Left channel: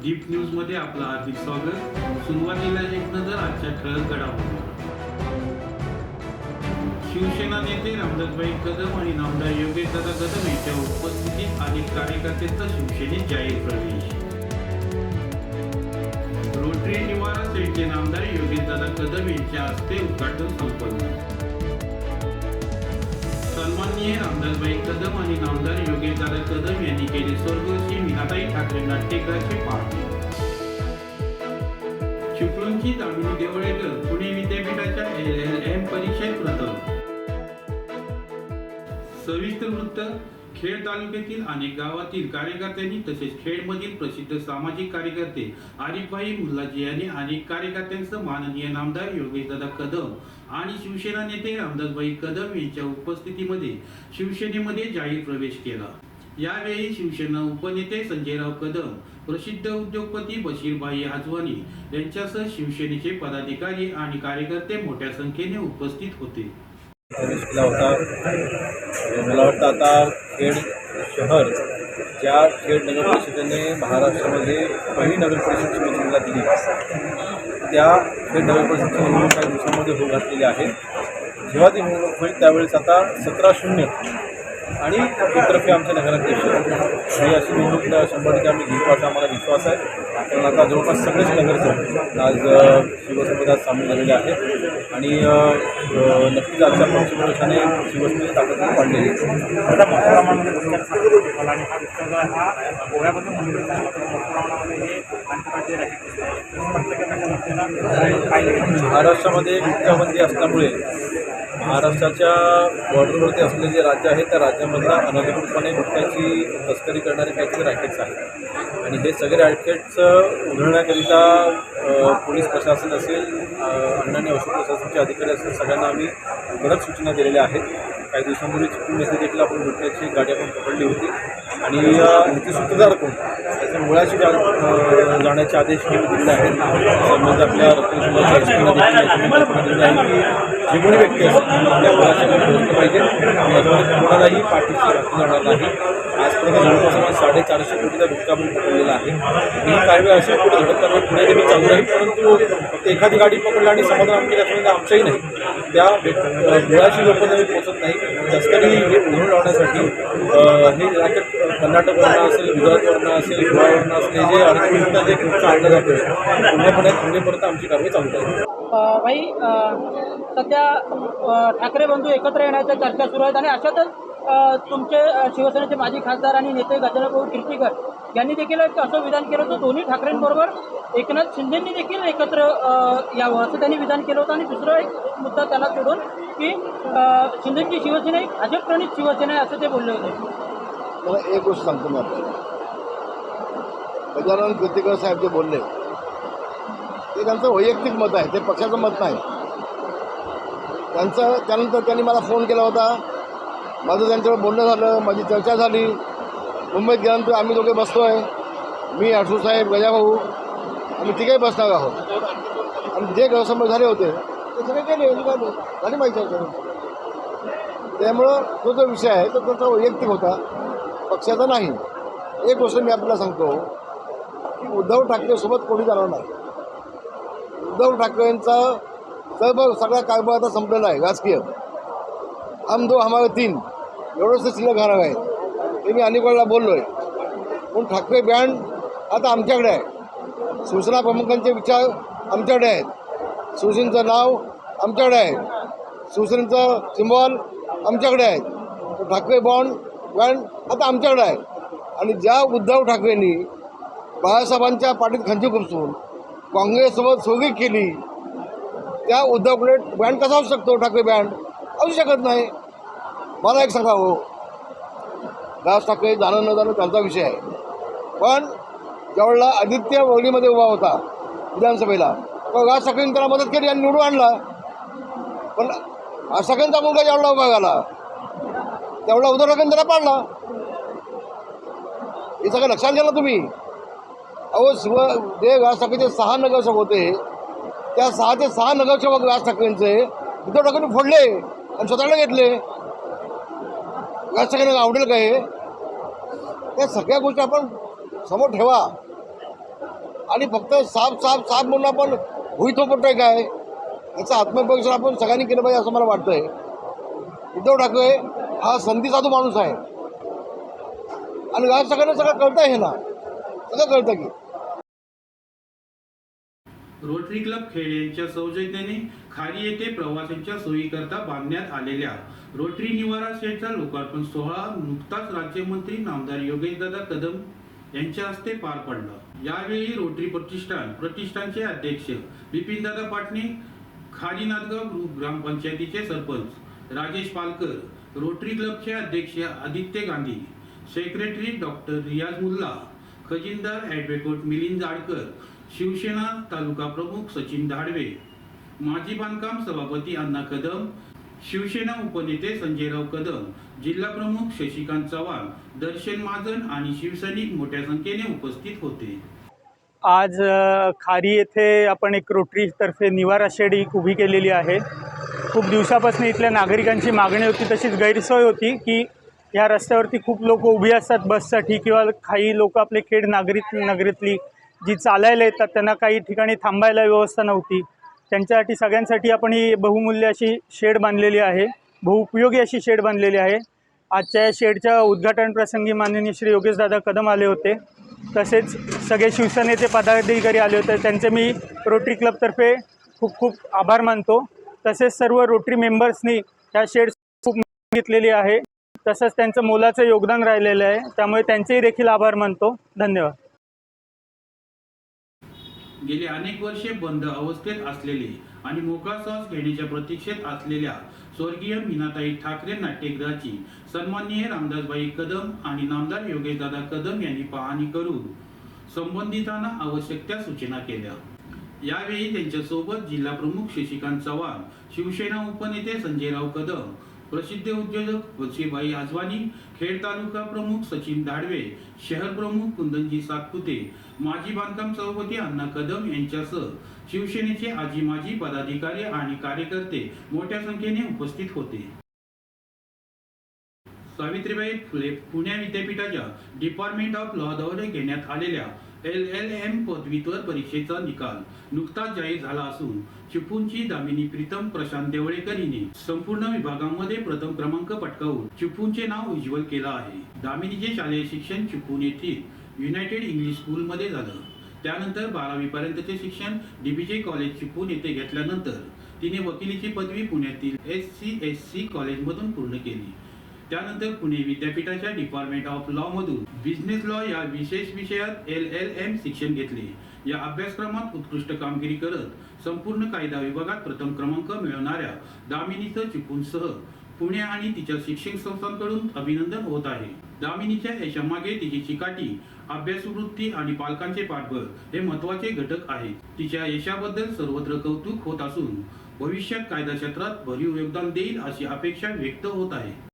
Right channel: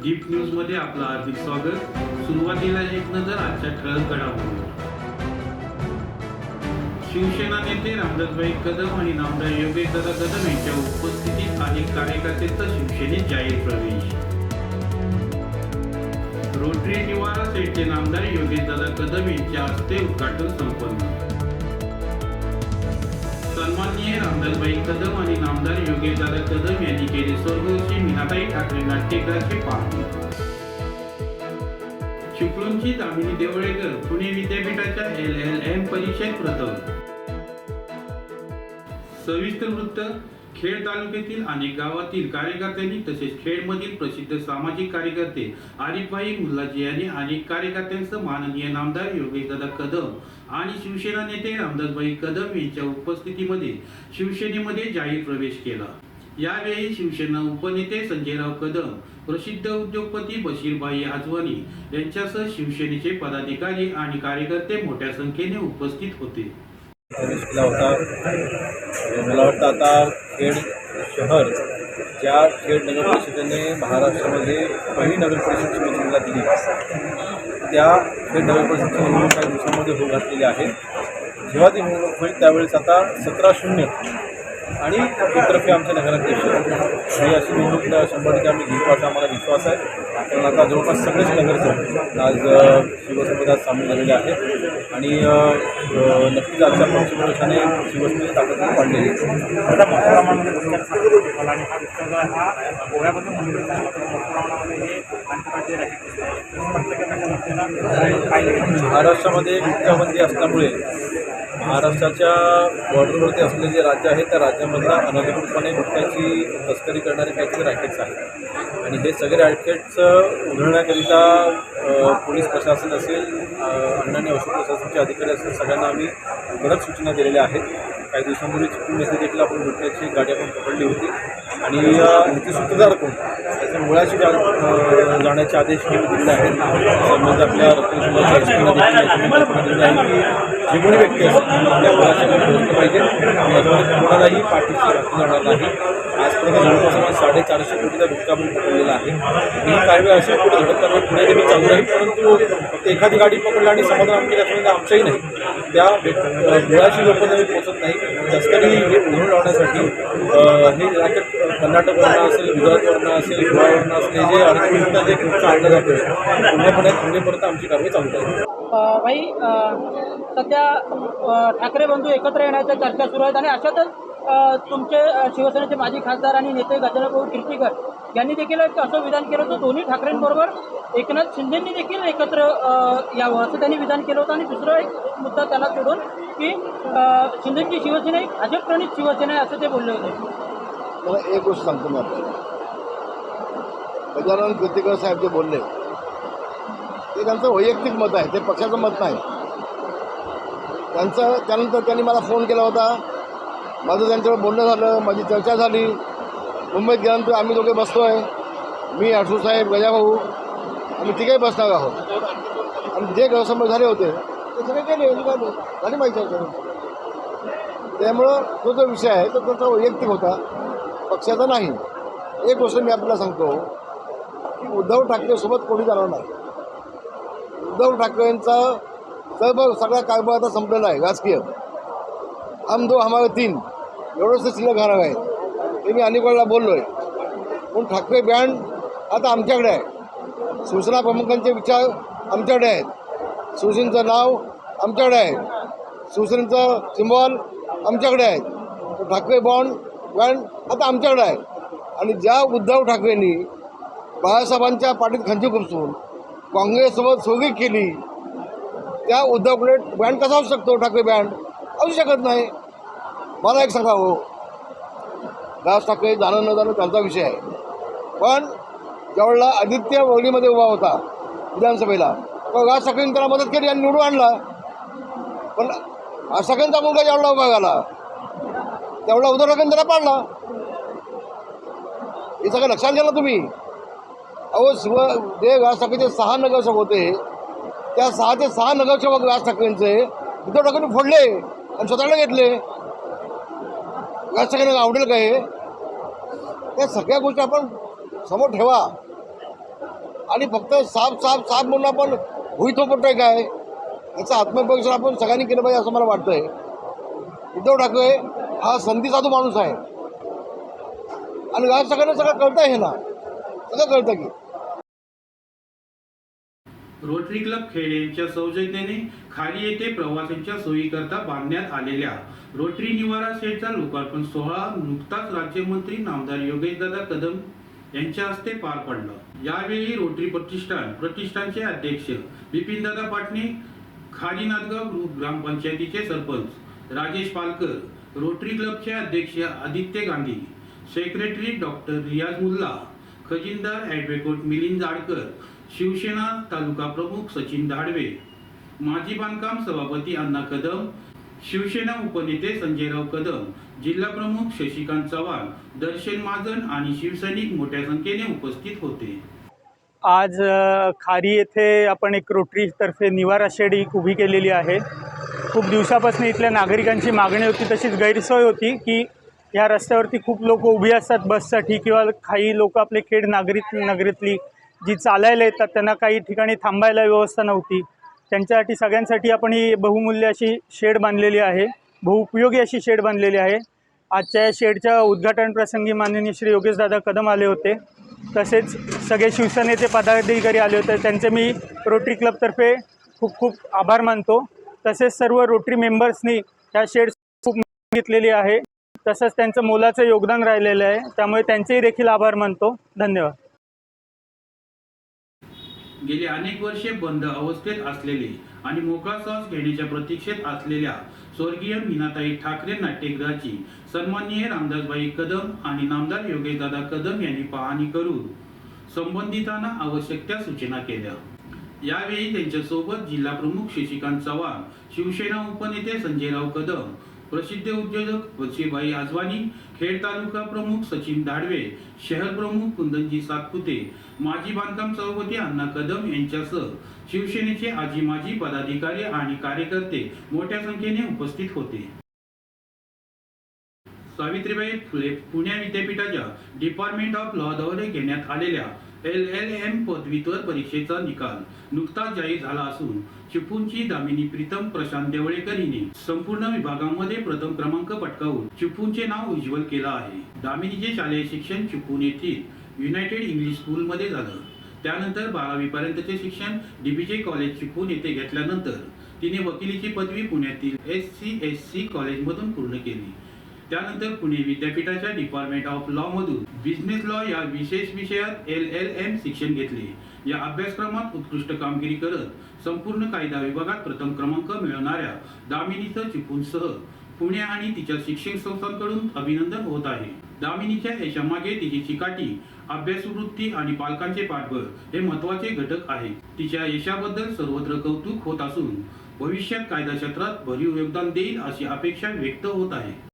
आपलं हार्दिक स्वागत. सुरुवातीला एक नजर आजच्या ठळक घडामोडीवर शिवसेना नेते रामदासभाई कदम आणि नामदार योगेशदादा कदम यांच्या उपस्थितीत अनेक कार्यकर्त्यांचा शिवसेनेत जाहीर प्रवेश. रोटरी निवारा सेटचे नामदार योगेशदादा कदम यांच्या हस्ते उद्घाटन संपन्न. सन्माननीय रामदासबाई कदम आणि नामदार योगेशदादा कदम यांनी केले स्वर्गस्थी मीनाताई ठाकरे नाट्यगृहाचे पाहणी चिपळूणची दामिनी देवळेकर पुणे विद्यापीठाच्या एल एल एम परीक्षेत प्रथम. सविस्तर वृत्त खेड तालुक्यातील अनेक गावातील कार्यकर्त्यांनी तसेच खेडमधील प्रसिद्ध सामाजिक कार्यकर्ते आरिफभाई मुल्लाजी यांनी अनेक कार्यकर्त्यांचं माननीय नामदार योगीदादा कदम आणि शिवसेना नेते रामदासबाई कदम यांच्या उपस्थितीमध्ये शिवसेनेमध्ये जाहीर प्रवेश केला. यावेळी शिवसेना उपनेते संजयराव कदम प्रसिद्ध उद्योगपती बशीरबाई आजवानी यांच्यासह शिवसेनेचे पदाधिकारी आणि कार्यकर्ते मोठ्या संख्येने उपस्थित होते. प्रवेश केला होता. मला वाटतं आता खेड शहर ज्या खेड नगर परिषदेने महाराष्ट्रामध्ये पहिली नगर परिषद शिवसेनेला दिली. त्या खेड नगर परिषदची निवडणूक काही दिवसामध्ये होऊ घातलेली आहे. जेव्हा ती निवडणूक होईल त्यावेळेस आता सतरा शून्य आणि एकतर्फे आमचे नगराध्यक्ष. ही अशी निवडणूक शंभर टक्के आम्ही घेऊ असा आम्हाला विश्वास आहे. कारण आता जवळपास सगळेच नगरसेवक आज शिवसंपदात सामील झालेले आहेत. आणि नक्कीच आजच्या पक्षप्रवेशाने शिवसेनेची ताकद वाढलेली आता मोठ्या प्रमाणामध्ये दुष्काळ सांगितलं मला आणि हा दुष्काळ हा मोठ्या प्रमाणामध्ये हे आंतरराज्य पाहिले महाराष्ट्रामध्ये गुटखाबंदी असल्यामुळे महाराष्ट्राच्या बॉर्डरवरती असलेले जे राज्य आहे त्या राज्यामधला अनधिकृतपणे गुटख्याची तस्करी करणारे काहीतरी रॅकेट्स आहेत. आणि हे सगळे रॅकेट्स उधळण्याकरिता अ, पोलीस प्रशासन असेल अन्न आणि औषध प्रशासनाचे अधिकारी असेल सगळ्यांना आम्ही कडक सूचना दिलेल्या आहेत. काही दिवसांपूर्वी चिपळूण येथे देखील आपण गुटख्याची गाडी आपण पकडली होती. आणि अ, ह्याचे सूत्रधार कोण? त्याच्या मुळाशी जा जाण्याचे आदेश हे दिलेले आहेत. म्हणजे आपल्या रत्नशिवाच्या एस आहे की जे कोणी व्यक्ती असेल त्या मुळाशी पाहिजे. याच्यामध्ये कोणालाही पाठीशी राखलं जाणार नाही. आजपर्यंत जवळपास साडेचारशे कोटीचा गुटखा आपण पकडलेला आहे. आणि ही कारवाई अशी पुढे घडत करण्यात पुढे देखील चालू राहील परंतु फक्त एखादी गाडी पकडली आणि समाधान आमची त्याच्यामध्ये आमच्याही नाही. त्या व्यक्- मुळाशी लोकांना मी पोहोचत नाही. तस्करी हे उधळून लावण्यासाठी हे रॅकेट कर्नाटकवरनं असेल गुजरातवरनं असेल गोव्यावरनं असेल हे जे अडचणींना जे गुटखा आणलं जातं पूर्णपणे थांबेपर्यंत आमची कारवाई चालू राहील भाई सध्या ठाकरे बंधू एकत्र येण्याच्या चर्चा सुरू आहेत आणि अशातच तुमचे शिवसेनेचे माजी खासदार आणि नेते गजानन भाऊ कीर्तीकर यांनी देखील एक असं विधान केलं होतं. दोन्ही ठाकरेंबरोबर एकनाथ शिंदेंनी देखील एकत्र यावं असं त्यांनी विधान केलं होतं. आणि दुसरा एक मुद्दा त्याला सोडून की शिंदेची शिवसेना ही भाजप शिवसेना आहे असं ते बोलले होते. मला एक गोष्ट सांगतो मी आपल्याला. गजानन कीर्तिकर साहेब जे बोलले ते त्यांचं वैयक्तिक मत आहे ते पक्षाचं मत नाही. त्यांचं त्यानंतर त्यांनी मला फोन केला होता. माझं त्यांच्यावर बोलणं झालं माझी चर्चा झाली. मुंबईत गेल्यानंतर आम्ही दोघे बसतो आहे. मी आठूसाहेब गजाभाऊ आम्ही तिघे बसणार आहोत. आणि जे गैरसमज झाले होते ते सगळे केले झाली माहिती त्यामुळं तो जो विषय आहे तो त्याचा वैयक्तिक होता. पक्षाचा नाही. एक गोष्ट मी आपल्याला सांगतो की उद्धव ठाकरेसोबत कोणी जाणार नाही. उद्धव ठाकरेंचा सर्व सगळा कारभार आता संपलेला आहे राजकीय. हम दो हमारे तीन। एवढंच शिल्लक राहणार आहे ते मी अनेक वेळेला बोललो आहे पण ठाकरे बँड आता आमच्याकडे आहे। शिवसेना प्रमुखांचे विचार आमच्याकडे आहेत। शिवसेनेचं नाव आमच्याकडे आहे। शिवसेनेचं सिम्बॉल आमच्याकडे आहे। तर ठाकरे बॉन्ड बँड आता आमच्याकडे आहे। आणि ज्या उद्धव ठाकरेंनी बाळासाहेबांच्या पाठीत खंची खुपसून काँग्रेससोबत सोगी केली त्या उद्धवकडे बँड कसा असू शकतो? ठाकरे बँड असू शकत नाही. मला एक सांगा हो. राज ठाकरे जाणं न जाणं त्यांचा विषय आहे. पण ज्यावेळेला आदित्य वगळीमध्ये उभा होता विधानसभेला तर राज ठाकरेंनी त्याला मदत केली आणि निवडून आणला. पण राज ठाकरेंचा मुलगा ज्यावेळेला उभा झाला त्यावेळेला उद्धव ठाकरेंनी त्याला पाडला. हे सगळं लक्षात घ्या ना तुम्ही. अहो शिव जे राज ठाकरेचे सहा नगरसेवक होते त्या सहा ते सहा नगरसेवक राज ठाकरेंचे उद्धव ठाकरेंनी फोडले आणि स्वतःला घेतले. या सगळ्यांना आवडेल का हे? त्या सगळ्या गोष्टी आपण समोर ठेवा. आणि फक्त साफ साफ साफ म्हणून आपण भुई थोपटतोय काय? याचा आत्मपरीक्षण आपण सगळ्यांनी केलं पाहिजे असं मला वाटतंय. उद्धव ठाकरे हा संधी साधू माणूस आहे. आणि या सगळ्यांना सगळं कळतं हे ना. सगळं कळतं की. रोटरी क्लब खेळ यांच्या सौजन्याने खाली येथे प्रवाशांच्या सोयीकरता बांधण्यात आलेल्या रोटरी निवारा शेडचा लोकार्पण सोहळा नुकताच राज्यमंत्री नामदार योगेशदादा कदम यांच्या हस्ते पार पडला. यावेळी रोटरी प्रतिष्ठान प्रतिष्ठानचे अध्यक्ष बिपिनदादा पाटणे खाली नांदगाव ग्रामपंचायतीचे सरपंच राजेश पालकर रोटरी क्लबचे अध्यक्ष आदित्य गांधी सेक्रेटरी डॉक्टर रियाज मुल्ला खजिनदार ॲडव्होकेट मिलिंद जाडकर शिवसेना तालुका प्रमुख सचिन धाडवे माजी बांधकाम सभापती अण्णा कदम शिवसेना उपनेते संजयराव कदम जिल्हा प्रमुख शशिकांत चव्हाण दर्शन महाजन आणि शिवसैनिक मोठ्या संख्येने उपस्थित होते. आज खारी येथे आपण एक रोटरीतर्फे निवारा शेड एक उभी केलेली आहे. खूप दिवसापासून इथल्या नागरिकांची मागणी होती तशीच गैरसोय होती की ह्या रस्त्यावरती खूप लोक उभी असतात बससाठी किंवा काही लोक आपले खेड नागरिक नगरीतली जी चालायला येतात त्यांना काही ठिकाणी थांबायला व्यवस्था नव्हती. त्यांच्यासाठी सगळ्यांसाठी आपण ही बहुमूल्य अशी शेड बांधलेली आहे. बहुउपयोगी अशी शेड बांधलेली आहे. आजच्या या शेडच्या उद्घाटन प्रसंगी माननीय श्री योगेशदादा कदम आले होते. तसेच सगळे शिवसेनेचे पदाधिकारी आले होते. त्यांचे मी रोटरी क्लबतर्फे खूप खूप आभार मानतो. तसेच सर्व रोटरी मेंबर्सनी ह्या शेड खूप घेतलेली आहे. तसंच त्यांचं मोलाचं योगदान राहिलेलं आहे. त्यामुळे त्यांचेही देखील आभार मानतो. धन्यवाद. गेली अनेक वर्षे बंद अवस्थेत असलेले आणि मोकळा श्वास घेण्याच्या प्रतीक्षेत असलेल्या स्वर्गीय मीनाताई ठाकरे नाट्यगृहाची सन्माननीय रामदासबाई कदम आणि नामदार योगेशदादा कदम यांनी पाहणी करून संबंधितांना आवश्यक त्या सूचना केल्या. यावेळी त्यांच्यासोबत जिल्हा प्रमुख शशिकांत चव्हाण शिवसेना उपनेते संजयराव कदम प्रसिद्ध उद्योजक वशीबाई आजवानी खेड तालुका प्रमुख सचिन दाडवे शहर प्रमुख कुंदनजी सातपुते माजी बांधकाम सभापती अण्णा कदम यांच्यासह शिवसेनेचे आजी माजी पदाधिकारी आणि कार्यकर्ते मोठ्या संख्येने उपस्थित होते. सावित्रीबाई फुले पुणे विद्यापीठाच्या डिपार्टमेंट ऑफ लॉ द्वारे घेण्यात आलेल्या एल एल एम पदवीधर परीक्षेचा निकाल नुकताच जाहीर झाला असून चिपळूणची दामिनी प्रीतम प्रशांत देवळेकर हिने संपूर्ण विभागामध्ये प्रथम क्रमांक पटकावून चिपळूणचे नाव उज्ज्वल केलं आहे. दामिनीचे शालेय शिक्षण चिपळूण येथील युनायटेड इंग्लिश स्कूलमध्ये झालं. त्यानंतर बारावी पर्यंतचे शिक्षण डीबीजे कॉलेज चिपळूण येथे घेतल्यानंतर तिने वकिलीची पदवी पुण्यातील एस सी एस सी कॉलेजमधून पूर्ण केली. त्यानंतर पुणे विद्यापीठाच्या डिपार्टमेंट ऑफ लॉ मधून बिझनेस लॉ या विशेष विषयात एल एल एम शिक्षण घेतले. या अभ्यासक्रमात उत्कृष्ट कामगिरी करत संपूर्ण कायदा विभागात प्रथम क्रमांक मिळवणाऱ्या दामिनीचं चिकूनसह पुणे आणि तिच्या शिक्षण संस्थांकडून अभिनंदन होत आहे. दामिनीच्या यशामागे तिची चिकाटी अभ्यासवृत्ती आणि पालकांचे पाठबळ हे महत्त्वाचे घटक आहे. तिच्या यशाबद्दल सर्वत्र कौतुक होत असून भविष्यात कायदा क्षेत्रात भरीव योगदान देईल अशी अपेक्षा व्यक्त होत आहे.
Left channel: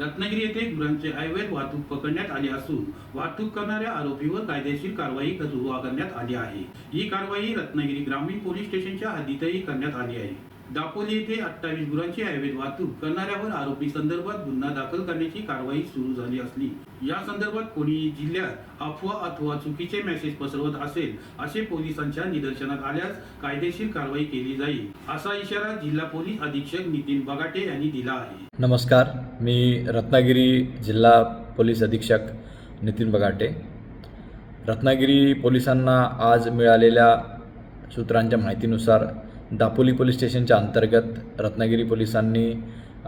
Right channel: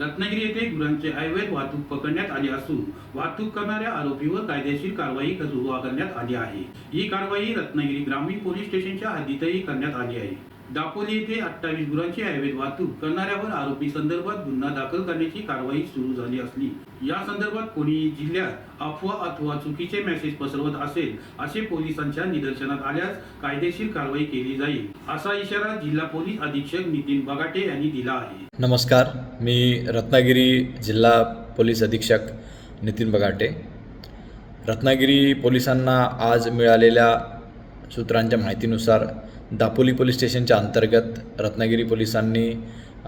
रत्नागिरी येथे गुरांचे अवैध वाहतूक पकडण्यात आली असून वाहतूक करणाऱ्या आरोपीवर कायदेशीर कारवाई सुरू करण्यात आली आहे. ही कारवाई रत्नागिरी ग्रामीण पोलीस स्टेशनच्या हद्दीतही करण्यात आली आहे. दापोली येथे अठ्ठावीस गुरांची अवैध वाहतूक करणाऱ्यावर आरोपी संदर्भात गुन्हा दाखल करण्याची कारवाई सुरू झाली असली. या संदर्भात कोणी जिल्ह्यात अफवा अथवा चुकीचे मेसेज पसरवत असेल असे पोलिसांच्या निदर्शनात आल्यास कायदेशीर कारवाई केली जाईल असा इशारा जिल्हा पोलीस अधीक्षक नितीन बगाटे यांनी दिला आहे. नमस्कार मी रत्नागिरी जिल्हा पोलीस अधीक्षक नितीन बगाटे. रत्नागिरी पोलिसांना आज मिळालेल्या सूत्रांच्या माहितीनुसार दापोली पोलीस स्टेशनच्या अंतर्गत रत्नागिरी पोलिसांनी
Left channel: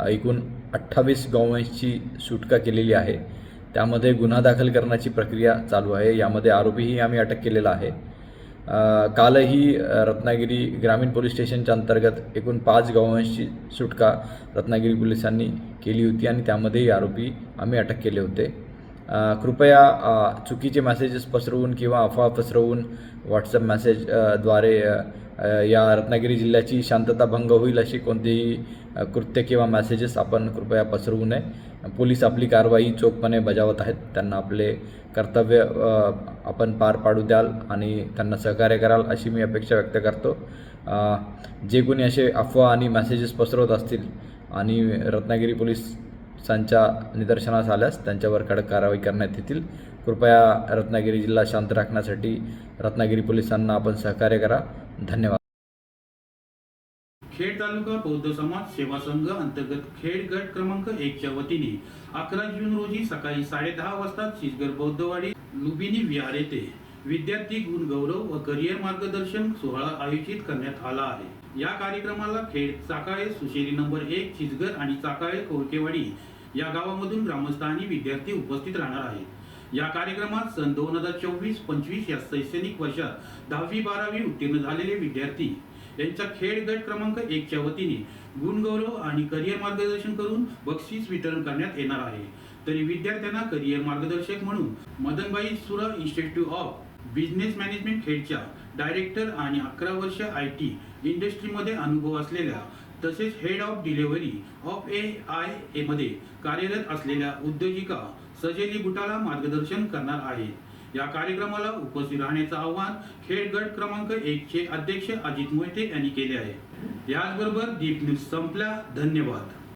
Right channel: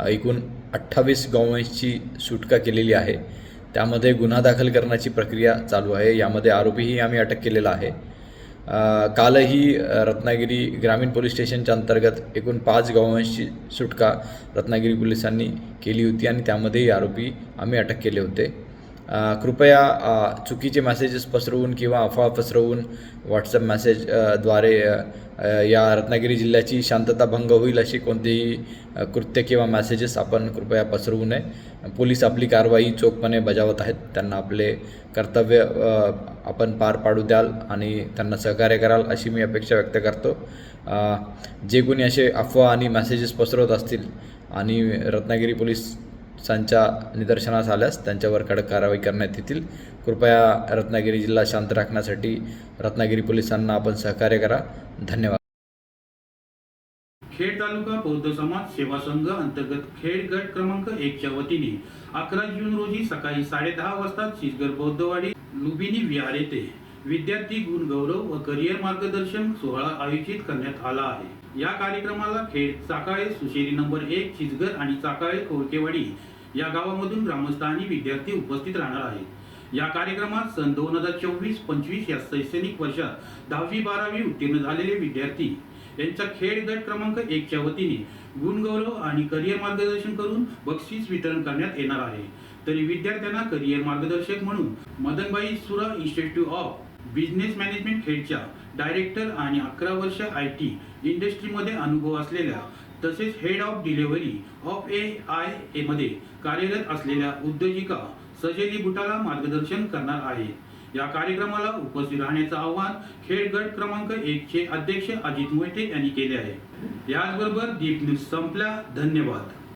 एकूण अठ्ठावीस गौवंशची सुटका केलेली आहे. त्यामध्ये गुन्हा दाखल करण्याची प्रक्रिया चालू आहे. यामध्ये आरोपीही आम्ही अटक केलेला आहे. कालही रत्नागिरी ग्रामीण पोलीस स्टेशनच्या अंतर्गत एकूण पाच गौवंशची सुटका रत्नागिरी पोलिसांनी केली होती आणि त्यामध्येही आरोपी आम्ही अटक केले होते. कृपया चुकीचे मेसेजेस पसरवून किंवा अफवा पसरवून व्हॉट्सअप मेसेजद्वारे या रत्नागिरी जिल्ह्याची शांतता भंग होईल अशी कोणतीही कृत्य किंवा मेसेजेस आपण कृपया पसरवू नये. पोलीस आपली कारवाई चोखपणे बजावत आहेत. त्यांना आपले कर्तव्य आपण पार पाडू द्याल आणि त्यांना सहकार्य कराल अशी मी अपेक्षा व्यक्त करतो. जे कोणी असे अफवा आणि मेसेजेस पसरवत असतील आणि रत्नागिरी पोलीस संचा निदर्शनास आल्यास त्यांच्यावर कडक कारवाई करण्यात येतील. कृपया रत्नागिरी जिल्हा शांत राखण्यासाठी रत्नागिरी पोलिसांना आपण सहकार्य करा. धन्यवाद. खेड तालुका बौद्ध समाज सेवा संघ अंतर्गत खेड गट क्रमांक एकच्या वतीने अकरा जून रोजी सकाळी साडेदहा वाजता शिसगर बौद्धवाडी लुबिनी विहार येथे विद्यार्थी गुणगौरव व करिअर मार्गदर्शन सोहळा आयोजित करण्यात आला आहे. या कार्यक्रमाला खेळ चाकाळे सुशेरी नंबर एक शिसगर आणि चाकाळे कोरकेवाडी या गावामधून ग्रामस्थ आणि विद्यार्थी उपस्थित राहणार आहेत. या कार्यक्रमात सन दोन हजार चोवीस पंचवीस या शैक्षणिक वर्षात दहावी बारावी उत्तीर्ण झालेले विद्यार्थी यांच्या खेळ गट क्रमांक एकच्या वतीने गुणगौरव आणि करिअर मार्गदर्शन करून बक्षीस वितरण करण्यात येणार आहे. तरी विद्यार्थ्यांना करिअर मार्गदर्शक म्हणून Madanbai Sura institute of business management हेडच्या director आणि अकरा वर्ष आय टी इंडस्ट्रीमध्ये अनुभव असलेल्या तसेच head of delivery of A I A मध्ये कार्यरत असलेल्या उद्योजिका सजेली भुटाला मार्गदर्शन करणार आहे या कार्यक्रमाला उपस्थित राहण्याचं आव्हान खेड गट क्रमांक एकचे अध्यक्ष अजित मोहिते यांनी केले आहे. याचबरोबर दीप न्यूज संपल्या धन्यवाद.